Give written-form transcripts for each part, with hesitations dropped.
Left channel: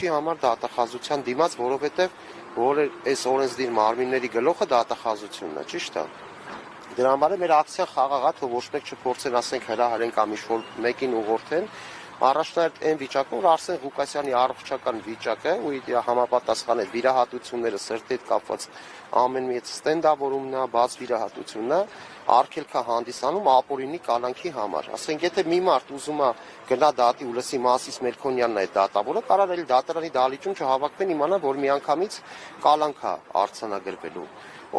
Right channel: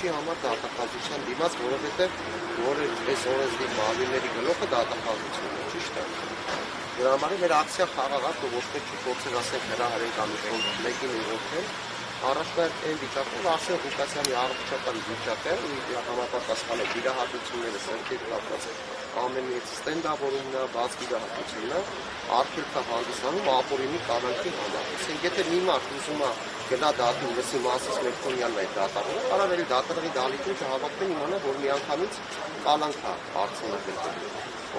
ինչի համար դատախազության դիմաց, որովհետև որ այս օրենսդիր մարմինների գլուխը դատախազությունն է, ճիշտ է։ Դրա համար մեր ակցիա խաղաղ է, որ ոչ մեկ չփորձեն ասենք հրահարեն կամ ինչ-որ մեկին ուղղորդեն, առաջնահերթ այն վիճակով Արսեն Ղուկասյանի առողջական վիճակը ու իր համապատասխան է վիրահատությունները սրտի հետ կապված ամեն մի ստենդավորումն է, բաց վիրահատությունն է, արգելքը հանդիսանում ապօրինի կանանքի համար։ Ասենք եթե մի մարդ ուզում է գնա դատին, լսի Մասիս Մելքոնյանն է դատավորը, կարող է դատարանի դահլիճում չհավաքվեն իմանա, որ միանգամից կալանք է արձանագրվելու։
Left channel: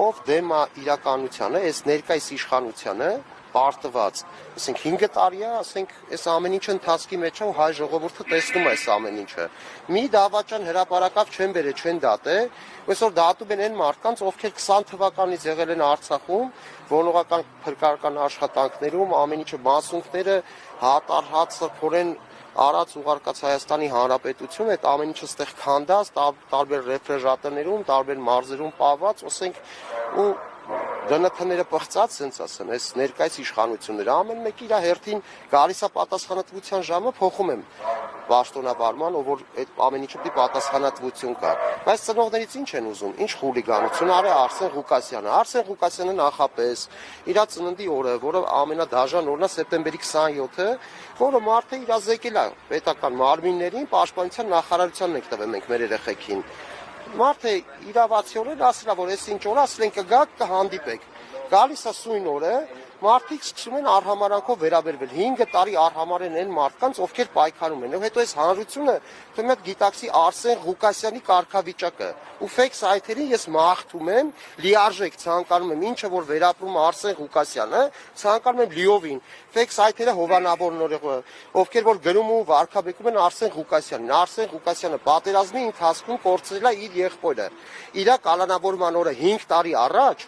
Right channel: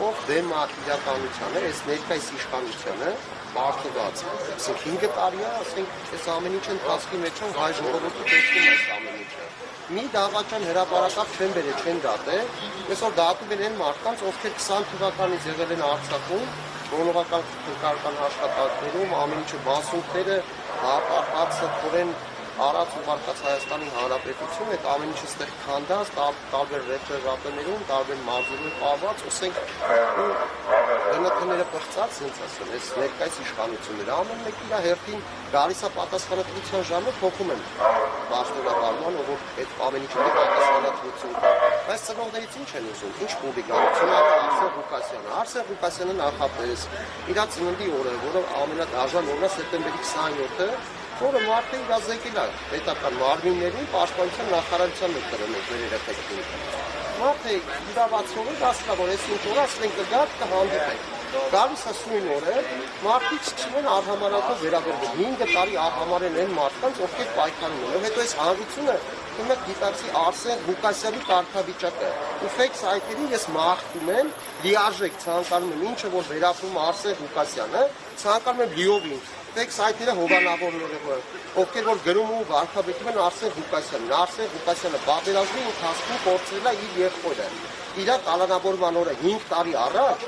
Ով դեմ է իրականությանը, այս ներկայիս իշխանությանը պարտված, ասենք 5 տարի է, ասենք այս ամեն ինչը ընթացքի մեջ հայ ժողովուրդը տեսնում է այս ամեն ինչը։ Մի դավաճան հրապարակավ չեն բերել, չեն դատել, այսօր դատում են այն մարդկանց, ովքեր 20 թվականից եղել են Արցախում, գոնողական փրկարարական աշխատանքներում, ամեն ինչը մասունքները հապարհացը թորեն Արաց ուղարկած Հայաստանի Հանրապետություն, այդ ամեն ինչը ստեղ քանդած, տարբեր ռեֆրեժատորներում, տարբեր մարզերում պահված, ասենք ու դնքները պղծած, ասենց ասեմ, այս ներկայիս իշխանությունները ամեն մեկի իր հերթին գալիս է պատասխանատվության ժամը փոխում են պաշտոնավարման, որ այդ ամեն ինչի պատասխանատվություն կա։ Բայց ծնողներից ինչ են ուզում, ինչ խուլիգանություն արի Արսեն Ղուկասյանը։ Արսեն Ղուկասյանը նախապես իր ծննդի օրը, որը ամենադաժան օրն է սեպտեմբերի 27-ը, որը մարդը իրազեկել է պետական մարմիններին, պաշտպանության նախարարության մեջ տրել ենք մեր երեխեքին։ Մարդը իրավացիորեն ասել է, որ այս ինչ օր ասել են կգաք կհանդիպեք։ Գալիս է սույն օրը, մարդիկ սկսում են արհամարհանքով վերաբերվել։ 5 տարի արհամարհեն են մարդկանց, ովքեր պայքարում են։ Եվ հետո այս հանրությունը դեռ գիտակցի Արսեն Ղուկասյանի կարգավիճակը։ Ու ֆեյք սայթերի ես մաղթում եմ, լիարժեք ցանկանում եմ, ինչը որ վերապրում Արսեն Ղուկասյանը, ցանկանում եմ լիովին ֆեյք սայթերը հովանավորները, ովքեր որ գրում ու վարքաբեկում են Արսեն Ղուկասյանին։ Արսեն Ղուկասյանը պատերազմի ընթացքում կորցրել է իր եղբորը։ Իր կալանավորման օրը 5 տարի առաջ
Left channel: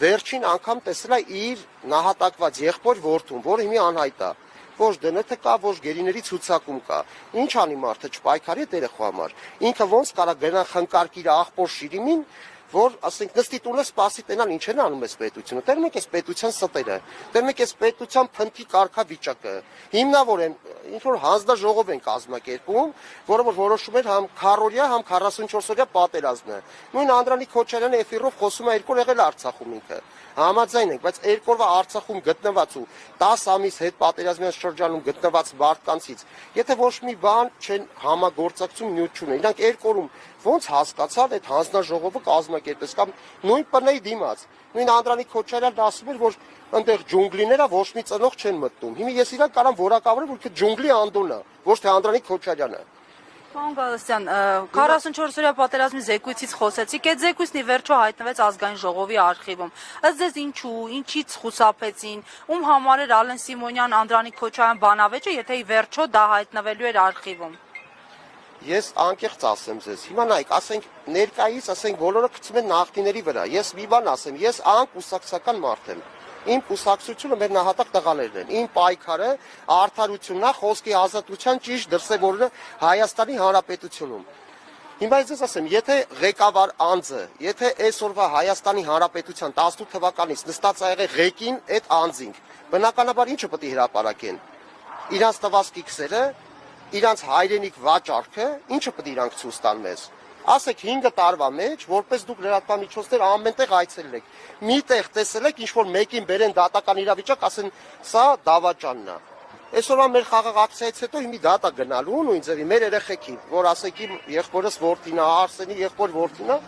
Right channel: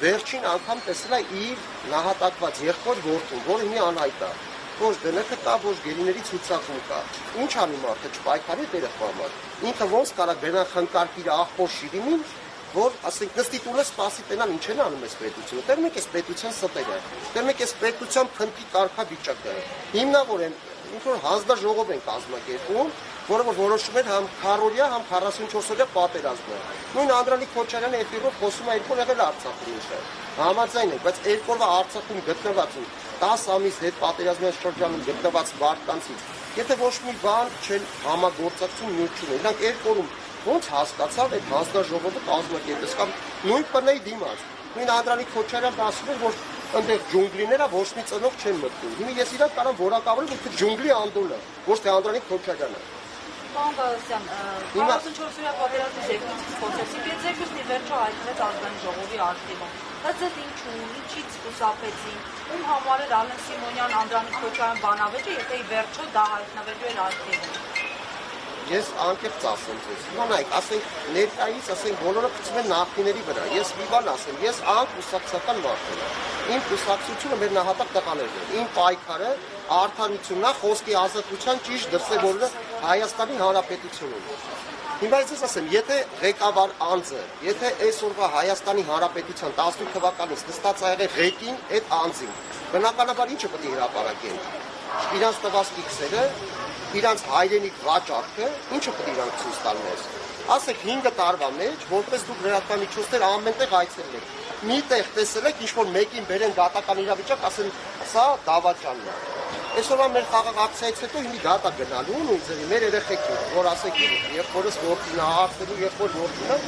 վերջին անգամ տեսել է իր նահատակված եղբոր որդուն, որը հիմա անհայտ է։ Ոչ դնքը կա, ոչ գերիների ցուցակում կա։ Ինչ անի մարդը չպայքարի այդ երեխա համար։ Ինքը ոնց կարա գնա խնկարկի իր աղբոր Շիրիմին, որ ասենք նստի տունը սպասի տենալ ինչ են անում այս պետությունը։ Տերում եք այս պետության ստերը, տերում եք այս պետության փնթի կարգավիճակը։ Հիմնավոր են ինչ որ հանձնաժողով են կազմակերպում, որը որ որոշում են համ քառօրյա, համ 44-օրյա պատերազմը։ Նույն Անդրանիկ Քոչարյանը էֆիրով խոսում է երկու եղել Արցախում ինքը։ Համաձայն եք, բայց երկու օրվա Արցախում գտնված են 10 ամիս հետ պատերազմյան շրջանում գտնված մարդկանցից, եթե ոչ մի բան չեն համագործակցում նյութում, իրանք երկու օրում ոնց հասկացան այդ հանձնաժողովը կազմակերպել կամ նույն ՊՆ-ի դիմաց։ Նույն Անդրանիկ Քոչարյանն ասում էր, որ այնտեղ ջունգլիները ոչ մի ծնող չեն մտնում։ Հիմա ես իրան կարամ որակավորեմ ինքը ջունգլի Անդոնը, ոչ թե Անդրանիկ Քոչարյանը։ Պարոն Գալստյան, 44-օրյա պատերազմի զեկույցից խոսեցիք, այդ զեկույցն ի վերջո հայտնվեց ազգային ժողովի արխիվում։ Ըստ ձեզ ինչու, ինչից խուսափեցին, ում համար էր Ալեն Սիմոնյան, Անդրանիկ Քոչարյան բանավեճը, եթե ի վերջո դա հայտնվելու էր արխիվում։ Ես անկեղծ ասեմ ձեզ, հիմա նայեք, ասենք ներկայից, ասենք բոլորը գցում են նախնիների վրա, ես մի բան ասեմ, ես կուսակցական մարդ եմ, իմ կուսակցությունը մեր նահատակ տղաներն են, իմ պայքարը արդարությունն է, խոսքի ազատության ճիշտ դրսևորումը Հայաստանի Հանրապետությունում։ Հիմա ես ասեմ, եթե ղեկավար անձը, եթե այսօրվա Հայաստանի Հանրապետության 18 թվականից նստած է եղել ղեկին այդ անձին, բնականաբար ինչը պետք է հրապարակեն։ Իրանց տված կիքսերը, իրանց հայրենիք վաճառքը, ինչը պետք է իրանք ցույց տան մեզ։ Ասեք 5 տարվա մեջ, որպես դուք լրատվամիջոցներ ամենտեղ այցելել եք, մի տեղ տեսել եք, ինչ որ մեկին բերեն դատական իրավիճակ, ասեն, սա դավաճանն է։ Այսօրվա մեր խաղաղ ակցիայից հետո հիմի դատա գնալու նույն ձևի մեր երեխեքին, որ ասեք իր եղբորս որդին է, Արսենի եղբոր որդին է,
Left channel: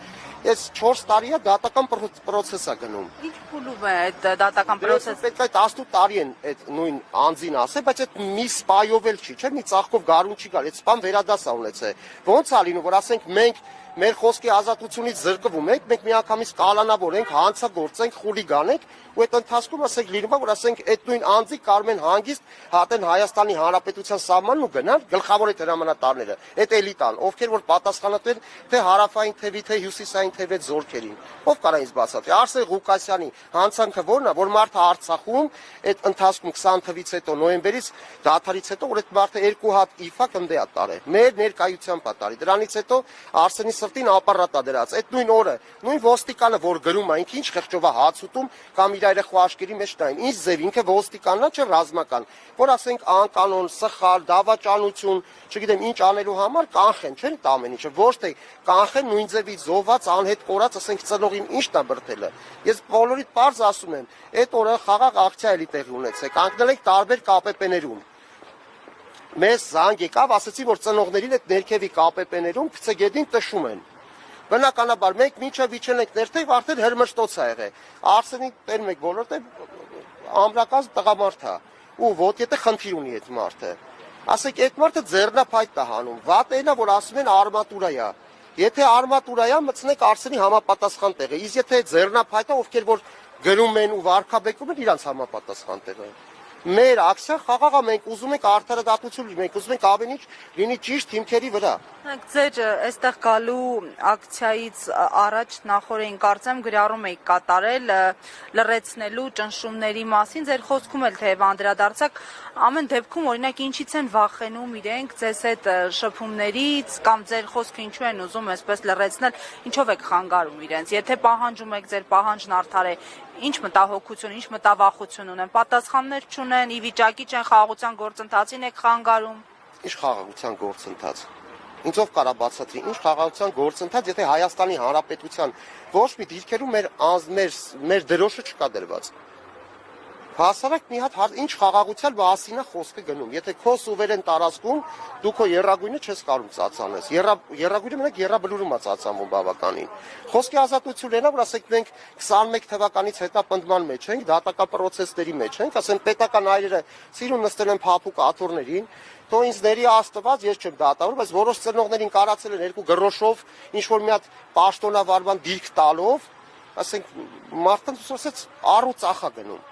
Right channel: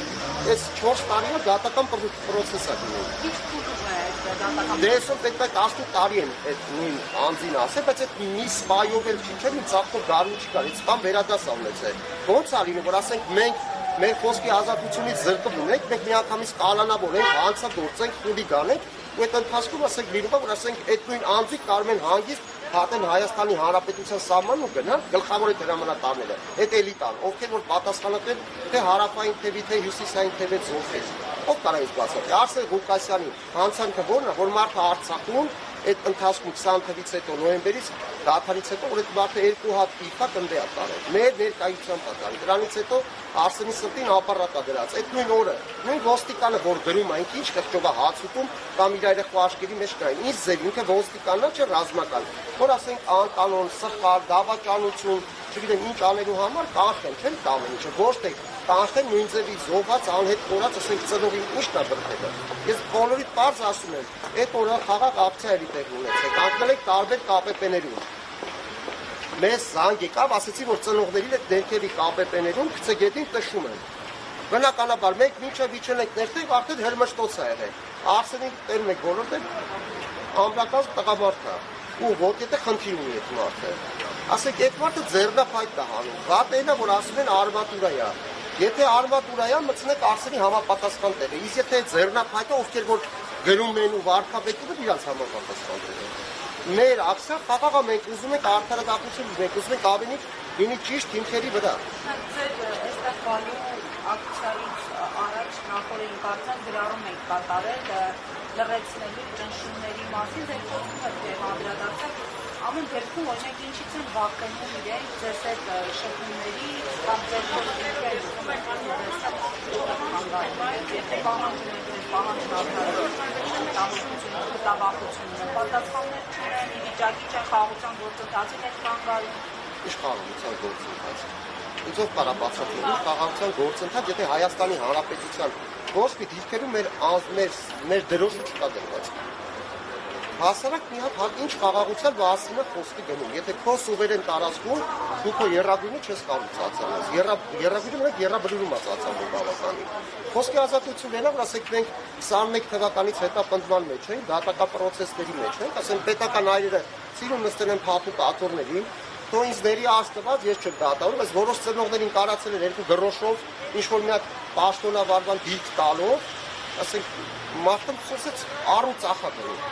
այս 4 տարի է դատական պրոցես է գնում։ Ինչ փուլում է այդ դատական պրոցեսը։ Պետք է 18 տարի են այդ նույն անձին ասել, բայց այդ մի սպայով էլ չի, չէ՞, մի ծաղկով դարուն չի գալ, այդ սպան վերադաս է ունեցել։ Ոնց է լինում, որ ասենք մենք մեր խոսքի ազատությունից զրկվում ենք, մենք միանգամից կալանավորենք, հանցագործենք, խուլիգանենք, ու այդ ընթացքում ասենք լինում է, որ ասենք այդ նույն անձի կարող են հանգիստ հատեն Հայաստանի Հանրապետության սահմանն ու գնան գլխավոր այդ հրամանատարները, այդ էլիտան, ովքեր որ պատասխանատու են թե հարավային թևի, թե հյուսիսային թևի զորքերին։ Ով կարա ինձ բացատրի։ Արսեն Ղուկասյանի հանցանքը ո՞րն է, որ մարդը Արցախում այդ ընթացքում 20 թվականից հետո նոյեմբերից դադարից հետո որ այդ մարդը 2 հատ իֆա կնդե է տարել։ Մեր ներկայությամբ է տարել։ Դրանից հետո Արսենի սրտին ապարատա դրած։ Այդ նույն օրը նույն ոստիկանը որ գրում է ինչ խղճովա հաց ուտում կամ իր երեխա աշկերի մեջ կային։ Ինչ ձև ինքը ոստիկանն է, չէ ռազմական, որ ասենք անկանոն, սխալ, դավաճանություն, չգիտեմ ինչ անելու համար կանխեն, չեն տա ամեն ինչը, ոչ թե կանխեն նույն ձևի զոհված անհետ կորած, ասենք ծնողին ինչն է բրդելը։ Ես բոլորիդ պարզ ասում եմ, այդ օրը խաղաղ ակցիա էլի տեղ ունեցեք, կանգնել եք տարբեր ԿՊՊ-ներում։ Մեզ զանգ եկավ, ասեցի, որ ծնողներին այդ ներքևի ԿՊՊ-ներում գծեգետին տշում են։ Բնականաբար մենք մինչև իջել ենք ներքև, արդեն հրմշտոց է եղել։ Արսենի տերում եք բոլորդ եք, ամրակազմ տղամարդ է, ու ոտյետը խնդիր ունի այդ մարդը։ Ասեք, այդ մարդը ձեռնափայտ է հանում, վատելա, որ ասում են արմատուրա է։ Եթե արմատուրա է, մտցնեք Արսենի համապատասխան տեղը, իսկ եթե ձեռնափայտը, ովքեր որ գրում են ու վարքաբեկում են իրանց համապատասխան տեղը։ Մեր ակցիան խաղաղ է, մենք ուզում ենք արդարադատություն լինենք, ուզում ենք ավելի լինի ճիշտ հիմքերի վրա։ Ձեր այստեղ գալու ակցիայից առաջ նախորդին կարծեմ գրառում եք կատարել լրացնելու ճնշումների մասին, ձեր խոսքում էլ թեև անդրադարձակ, ամեն դեպքում օրինակ ինչից են վախենում իրենք ձեզ այդ շփումներից կամ ձեր խոսքը ինչու են ուզում այսպես լրացնել, ինչով եք խանգարում իրենց, եթե պահանջում եք ձեր պահանջն արդարել, ինչ մտահոգություն, ինչ մտավախություն ունեն, պատասխաններ չունեն, ի վիճակի չեն խաղաղության գործընթացին եք խանգարում։ Ինչ խաղաղության գործընթաց։ Ինչով կարա բացատրի, ինչ խաղաղության գործընթաց, եթե Հայաստանի Հանրապետության ոչ մի դիրքերում մեր դրոշը չկա դրված։ Հասարակ մի հատ ինչ խաղաղության մասին է խոսքը գնում։ Եթե քո սուվերեն տարածքում դու քո երրագույնը չես կարող ծածանես։ Երրագույնը մենք երրաբրուրում է ծածանում բավականին։ Խոսքի ազատությունն է, որ ասենք մենք 21 թվականից հետապնդման մեջ ենք, դատական պրոցեսների մեջ ենք, ասենք պետական այրերը սիրուն նստել են փափուկ աթոռներին, թող ինձ ների աստված ես չեմ դատանում, այս որոշ ծնողներին կարացել են երկու գրոշով, ինչ որ մի հատ պաշտոնավարման դիրք տալով, ասենք մարդը ցույցեց առու ծախա դնում։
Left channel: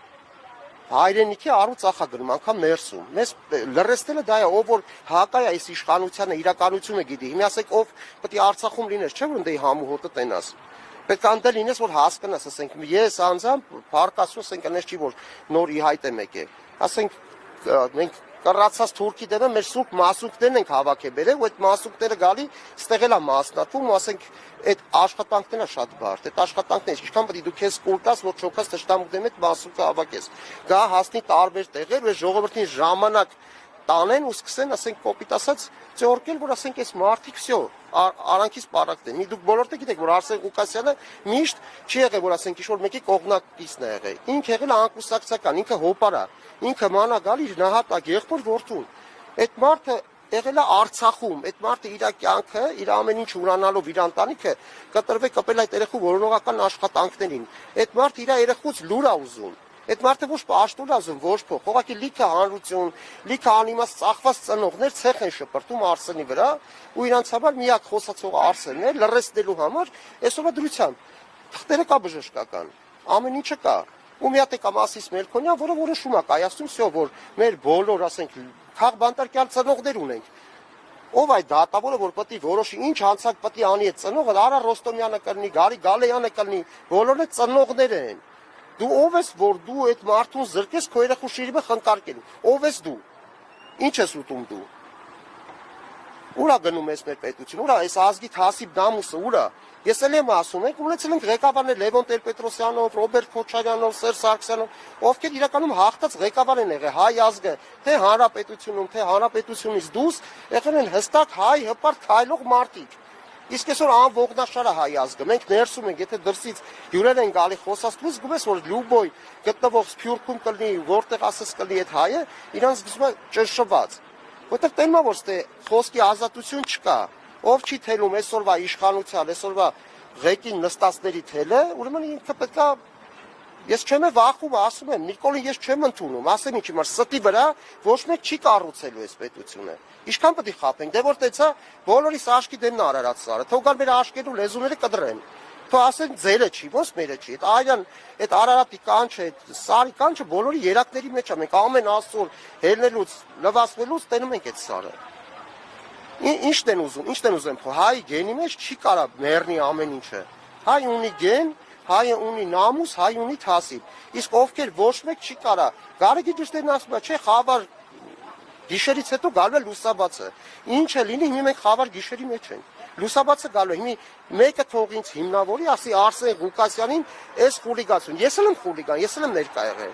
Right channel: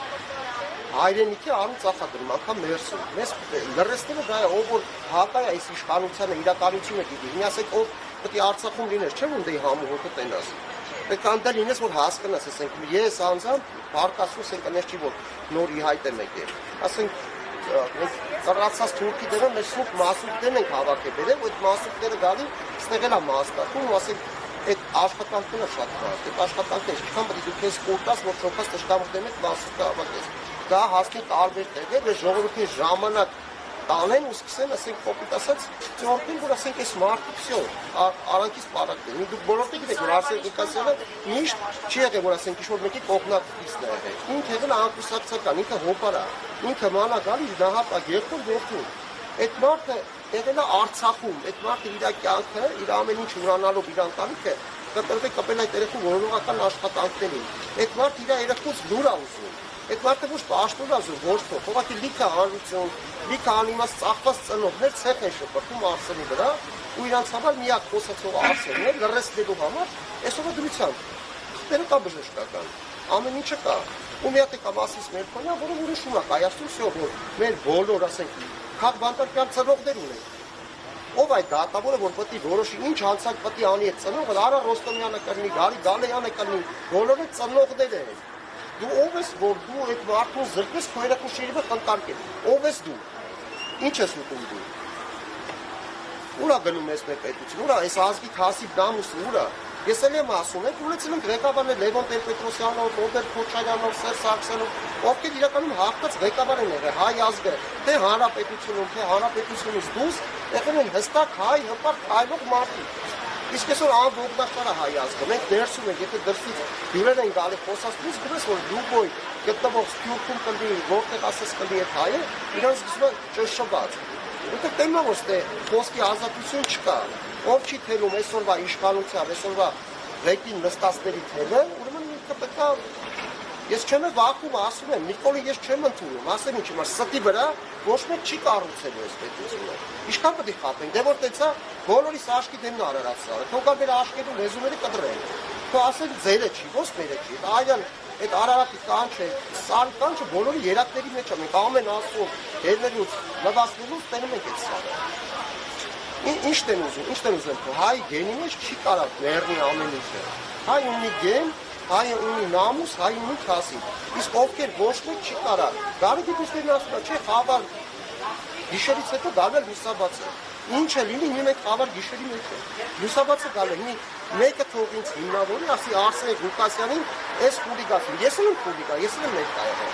Հայրենիքի առու ծախա դնում, անգամ մերսում։ Մեզ լրացնելը դա է, ով որ հակա է այս իշխանությանը, իրականությունը գիտի։ Հիմա ասենք ով պետք է Արցախում լինես, չէ՞ որ դե համուհոտը տենաս։ Պետք է անդել լինես, որ հասկանաս, ասենք ես անձամբ բարկասուս ենք անես չի որ նոր ի հայտ եմ եկել։ Ասենք մենք ծառացած թուրքի դերը մեր սուկ մասուկներն ենք հավաքել բերել, ու այդ մասուկները գալի ստեղել է մասնակում, ու ասենք այդ աշխատանքները շատ բարդ, այդ աշխատանքները ինչքան պետք է դու քեզ կորտաս, որ չոքաս տշտամուկներն այդ մասուկը հավաքես։ Գա հասնի տարբեր տեղեր, որ ժողովրդին ժամանակ տանեն ու սկսեն, ասենք կոպիտ ասած, ծորտին, որ ասենք այս մարդիկ всё, արանքից պարակտ է։ Դուք բոլորը գիտեք, որ Արսեն Ղուկասյանը միշտ չի եղել, որ ասենք ինչ-որ մեկի կողմնակիցն է եղել։ Ինքը եղել է անկուսակցական, ինքը հոպար է, ինքը մանագալ իր նահատակ եղբոր որդուն։ Այդ մարդը եղել է Արցախում, այդ մարդը իր կյանքը, իր ամեն ինչ ուրանալով իր ընտանիքը կպել այդ երեխու որոնողական աշխատանքներին։ Այդ մարդը իր երեխուց լուր է ուզում։ Այդ մարդը ոչ պաշտոն է ուզում, ոչ փոխ, ուղղակի լիքը հանրություն, լիքը անիմաստ ծախված ծնողներ ցեղ են շպրտում Արսենի վրա, ու իրանց համար միակ խոսացողը Արսենն է, լրացնելու համար այսօր դրությամբ։ Թղթերը կա բժշկական, ամեն ինչը կա։ Ու մի հատ է կամ ասես Մերկոնյան, որը որոշում է կայացնում, всё, որ մեր բոլոր, ասենք, քաղբանտարկյալ ծնողներ ունենք։ Ով այդ դատավորը, որ պետք է որոշի ինչ հանցանք պետք է անի այդ ծնողը, Արա Ռոստոմյանը կլինի, Գարի Գալեյանը կլինի, բոլորը ծնողներ են։ Դու ով ես, որ դու այդ մարդուն զրկես քո երեխու շիրիմը խնդարկել։ Ով ես դու։ Ինչ ես ուտում դու։ Ուրա գնում ես մեր պետություն, ուրա այս ազգի թասիբ դամուսը, ուրա։ Ես էլ եմ ասում, եք ունեցել ենք ղեկավարներ Լևոն Տեր-Պետրոսյանով, Ռոբերտ Քոչարյանով, Սերժ Սարգսյանով, ովքեր իրականում հաղթած ղեկավար են եղել հայ ազգը, թե հանրապետությունում, թե հանրապետությունից դուրս եղել են հստակ հայ հպարտ քայլող մարդիկ։ Իսկ այսօր ամբողջաշարը հայ ազգը, մենք ներսում ենք, եթե դրսից հյուրեր են գալի խոսածից, գումես որ լուբոյ գտնվող Սփյուռքում կլինի, որտեղ ասես կլինի այդ հայը, իրանց զգում են ճնշված։ Որտեղ տեմա որ ստե խոսքի ազատություն չկա։ Ով չի թելում այսօրվա իշխանության, այսօրվա ղեկին նստածների թելը, ուրեմն ինքը պետք է ես չեմ վախում, ասում եմ, Նիկոլին ես չեմ ընդունում, ասեմ ինչ իմ ստի վրա ոչ մեկ չի կառուցելու այս պետությունը։ Ինչքան պետք է խաթենք, դե որ տեցա բոլորիս աշկի դեմն Արարատը, թող գալ մեր աշկերու լեզուները կդրեն։ Թող ասեն ձերը չի, ոչ մերը չի։ Այլն այդ Արարատի կանչը, սարի կանչը բոլորի երակների մեջ է, մենք ամեն ասում հելնելուց, լվացնելուց տենում ենք այդ սարը։ Ի՞նչն են ուզում, հայ գենի մեջ չի կարող ներնի ամեն ինչը։ Հայ ունի գեն, հայը ունի նամուս, հայ ունի թասիբ։ Իսկ ովքեր ոչ մեկ չի կարող։ Գարեգի դժտերն ասում է, չէ, խավար գիշերից հետո գալու է լուսաբացը։ Ինչը լինի, հիմա մենք խավար գիշերի մեջ ենք։ Լուսաբացը գալու է, մեկը թող ինձ հիմնավորի, ասի Արսեն Ղուկասյանին, այս խուլիգան։ Ես էլ եմ խուլիգան, ես էլ եմ ներկա եղել։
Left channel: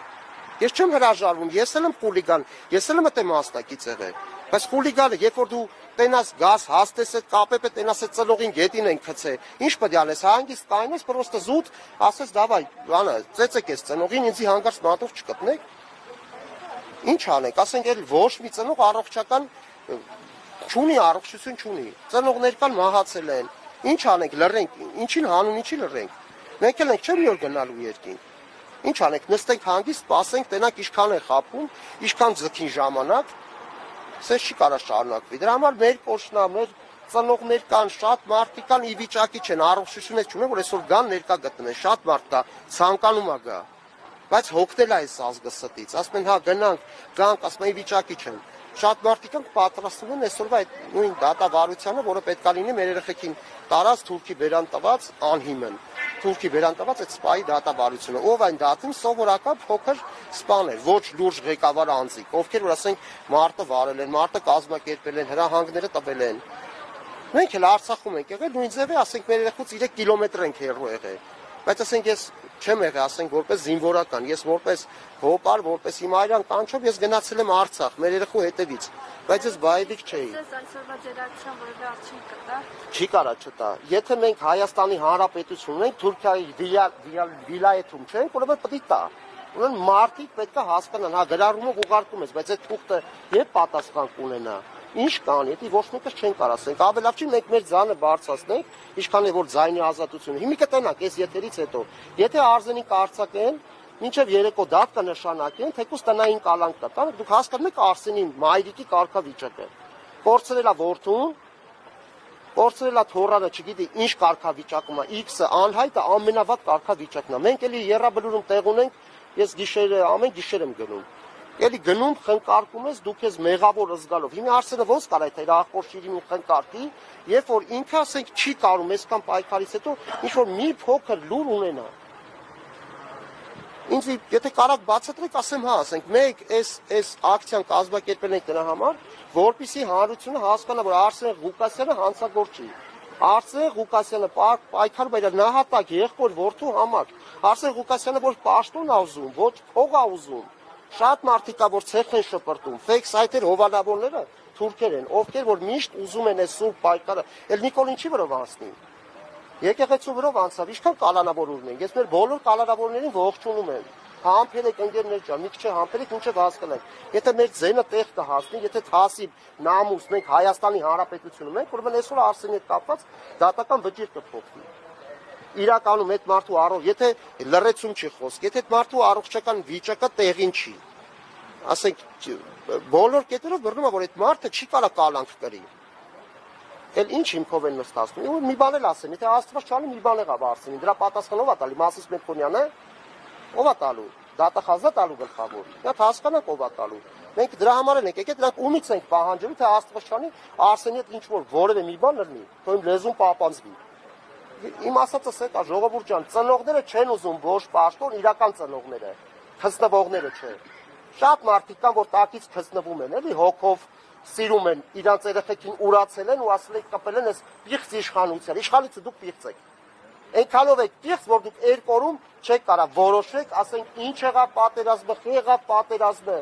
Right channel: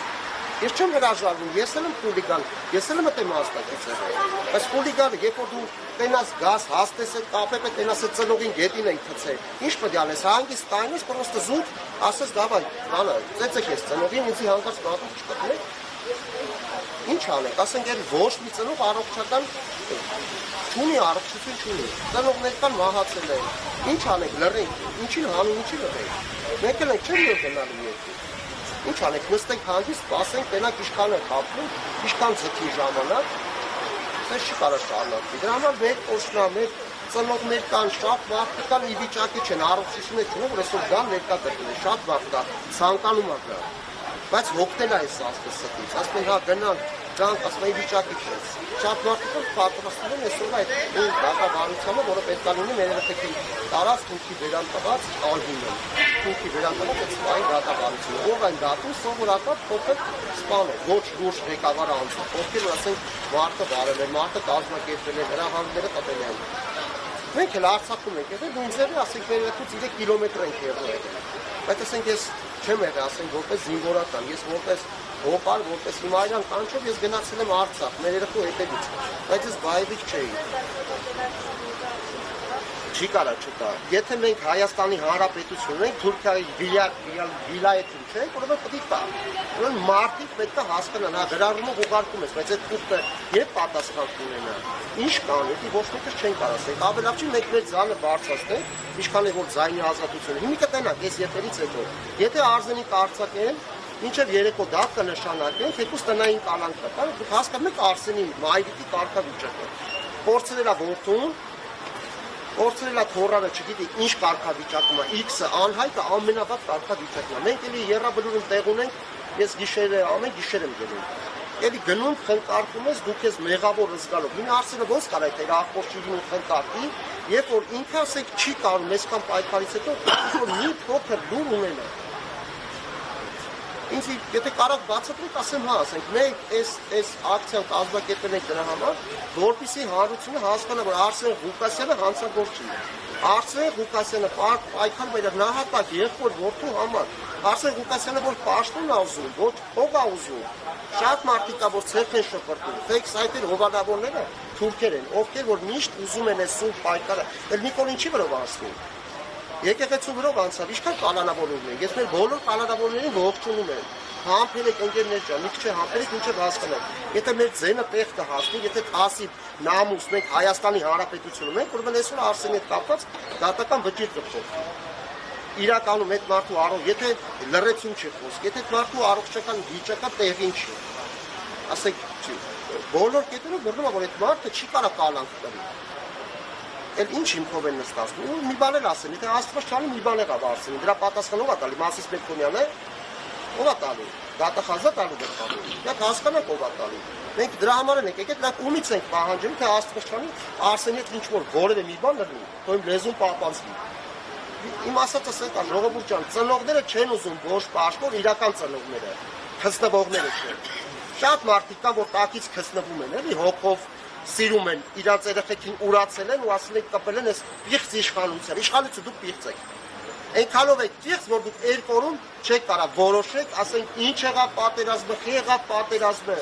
Ես չեմ հրաժարվում, ես էլ եմ խուլիգան, ես էլ եմ այդտեղ մասնակից եղել։ Բայց խուլիգանը, երբ որ դու տենաս գազ, հաստես այդ կապեպը տենաս այդ ծնողին գետին են գցել, ինչ պետք է անես, հանգիստ տայնես, պրոստը զուտ, ասես դավայ, լանը, ծեծեք ես ծնողին, ինձի հանկարծ նատով չկտնեք։ Ինչ անեք, ասենք էլ ոչ մի ծնող առողջական չունի, առողջություն չունի։ Ծնողներ կան մահացել են։ Ինչ անենք, լռենք, ինչին հանուն, ինչի լռենք։ Մենք էլ ենք չեմ որ գնալու երկու։ Ինչ անենք, նստենք հանգիստ, սպասենք, տենակ ինչքան է խափում, ինչքան ձգի ժամանակ, սեր չի կարող շարունակվի։ Դրա համար մեր օշնա, մեր ծնողներ կան, շատ մարդիկ կան ի վիճակի չեն, առողջություն չունեն, որ այսօր գան ներկա գտնեն, շատ մարդ կա, ցանկանում է գա։ Բայց հոգնել է այս ազգը ստից, ասում են հա գնանք, գանք, ասում են վիճակի չեն։ Շատ մարդիկ պատրաստվում են այսօրվա այդ նույն դատավարությանը, որը պետք է լինի մեր երեխեքին տարած թուրքի վերանտված անհիմն։ Թուրքի վերանտված այդ սպայի դատավարությունը, ով այն դատում սովորական փոքր սպան է, ոչ լուրջ ղեկավար անձի, ովքեր որ ասենք մարդը վարել են, մարդը կազմակերպել են, հրահանգները տվել են։ Մենք էլ Արցախում ենք եղել, նույն ձևի ասենք մեր երեխուց 3 կիլոմետր ենք եղել։ Բայց ասենք ես չեմ եղել, ասենք որպես զինվորական, ես որպես հոպար, որպես հիմարյան կանչով ես գնացել եմ Արցախ, մեր երեխու հետևից, բայց ես բայդիկ չէի։ Չի կարա չտա։ Եթե մենք Հայաստանի Հանրապետություն ենք, Թուրքիայի վիլայեթում չենք, ուրեմն պետք է տա։ Ուրեմն մարդիկ պետք է հասկանան, հա դրանով ուղարկում ես, բայց այդ թուղթը երբ պատասխան կունենա։ Ինչ կանի, ոչ մեկը չեն կարող ասենք, ավելի լավ չի մենք մեր ձայնը բարձրացնենք, ինչքան է որ ձայնի ազատությունը։ Հիմա կտենակ, այս եթերից հետո, եթե Արզենիկ արձակեն, մինչև երեկո դա կնշանակեն, թեկուզ տնային կալանք կտան, դուք հասկանում եք Արսենին մայրիկի կարգավիճակը։ Փորձել է որդուն, փորձել է թորանը, չգիտի ինչ կարգավիճակում է, X-ը անհայտը ամենավատ կարգավիճակն է։ Մենք էլի երրաբլուրում տեղ ունենք, ես գիշերը ամեն գիշեր եմ գնում։ Եթե գնում խնկարկում ես, դուք ես մեղավոր զգալով։ Հիմա Արսենը ոնց կարա այդ իր ախորժին ու խնկարկի, երբ որ ինքը ասեք չի կարող այսքան պայքարից հետո ինչ որ մի փոքր լուր ունենա։ Ինձ եթե կարող բացատրեք, ասեմ հա, ասենք մենք այս ակցիան կազմակերպել ենք դրա համար, որպեսզի հանրությունը հասկանա, որ Արսեն Ղուկասյանը հանցագործ չի։ Արսեն Ղուկասյանը պայքարում է նահատակ եղբոր որդու համար։ Արսեն Ղուկասյանը որ պաշտոն ա ուզում, ոչ փող ա ուզում։ Շատ մարդիկ կա, որ ցերկ են շփրտում, ֆեյք սայթեր հովանավորները թուրքեր են, ովքեր որ միշտ ուզում են այս սուրբ պայքարը, էլ Նիկոլ ինչի վրա անցնում։ Եկեղեցու վրա անցավ, ինչքան կալանավորներ են։ Ես մեր բոլոր կալանավորներին ողջունում եմ։ Համբերեք ընկերներ ջան, մի քիչ համբերեք, ինչը հասկանանք։ Եթե մեր ձենը տեղ կհասնի, եթե քասի նամուս մենք Հայաստանի Հանրապետությունում ենք, ուրեմն այսօր Արսենի հետ կապված դատական վճիռ կփոխվի։ Իրականում այդ մարդու առող, եթե լրացում չի խոսք, եթե մարդու առողջական վիճակը տեղին չի, ասենք բոլոր կետերով գրում է, որ այդ մարդը չի կարող կալանք տվի։ Էլ ինչ հիմքով են նստածում։ Ու մի բան էլ ասեմ, եթե Աստված չանի, մի բան եղավ Արսենի, դրա պատասխանով է տալի Մասիս Մեկոնյանը, ով է տալու, դատախազա տալու գլխավոր։ Մենք հասկանանք ով է տալու։ Մենք դրա համար ենք եկել, դրանք ումից ենք պահանջում, թե Աստված չանի, Արսենի հետ ինչ որ որևէ մի բան լինի, թող իմ լեզուն պահպանվի։ Իմ ասածը սա է, ժողովուրդ ջան, ծնողները չեն ուզում ոչ պաշտոն, իրական ծնողները, քծնվողները չեն։ Շատ մարդիկ կան, որ տակից քծնվում են, էլի հոգով սիրում են, իրանց երեխեքին ուրացել են ու ասել են կպել են այս պիղծ իշխանության։ Իշխանությունը դուք պիղծ եք։ Այնքանով եք պիղծ, որ դուք երկու օրում չեք կարող որոշեք, ասենք ինչ եղավ պատերազմը, խի եղավ պատերազմը։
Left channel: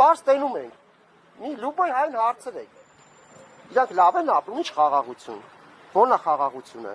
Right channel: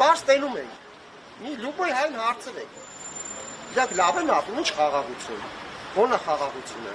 Պարզ տենում ենք։ Մի լուբոյ հայն հարցնեք։ Իրանք լավ են ատում, ինչ խաղաղություն։ Ո՞ն է խաղաղությունը։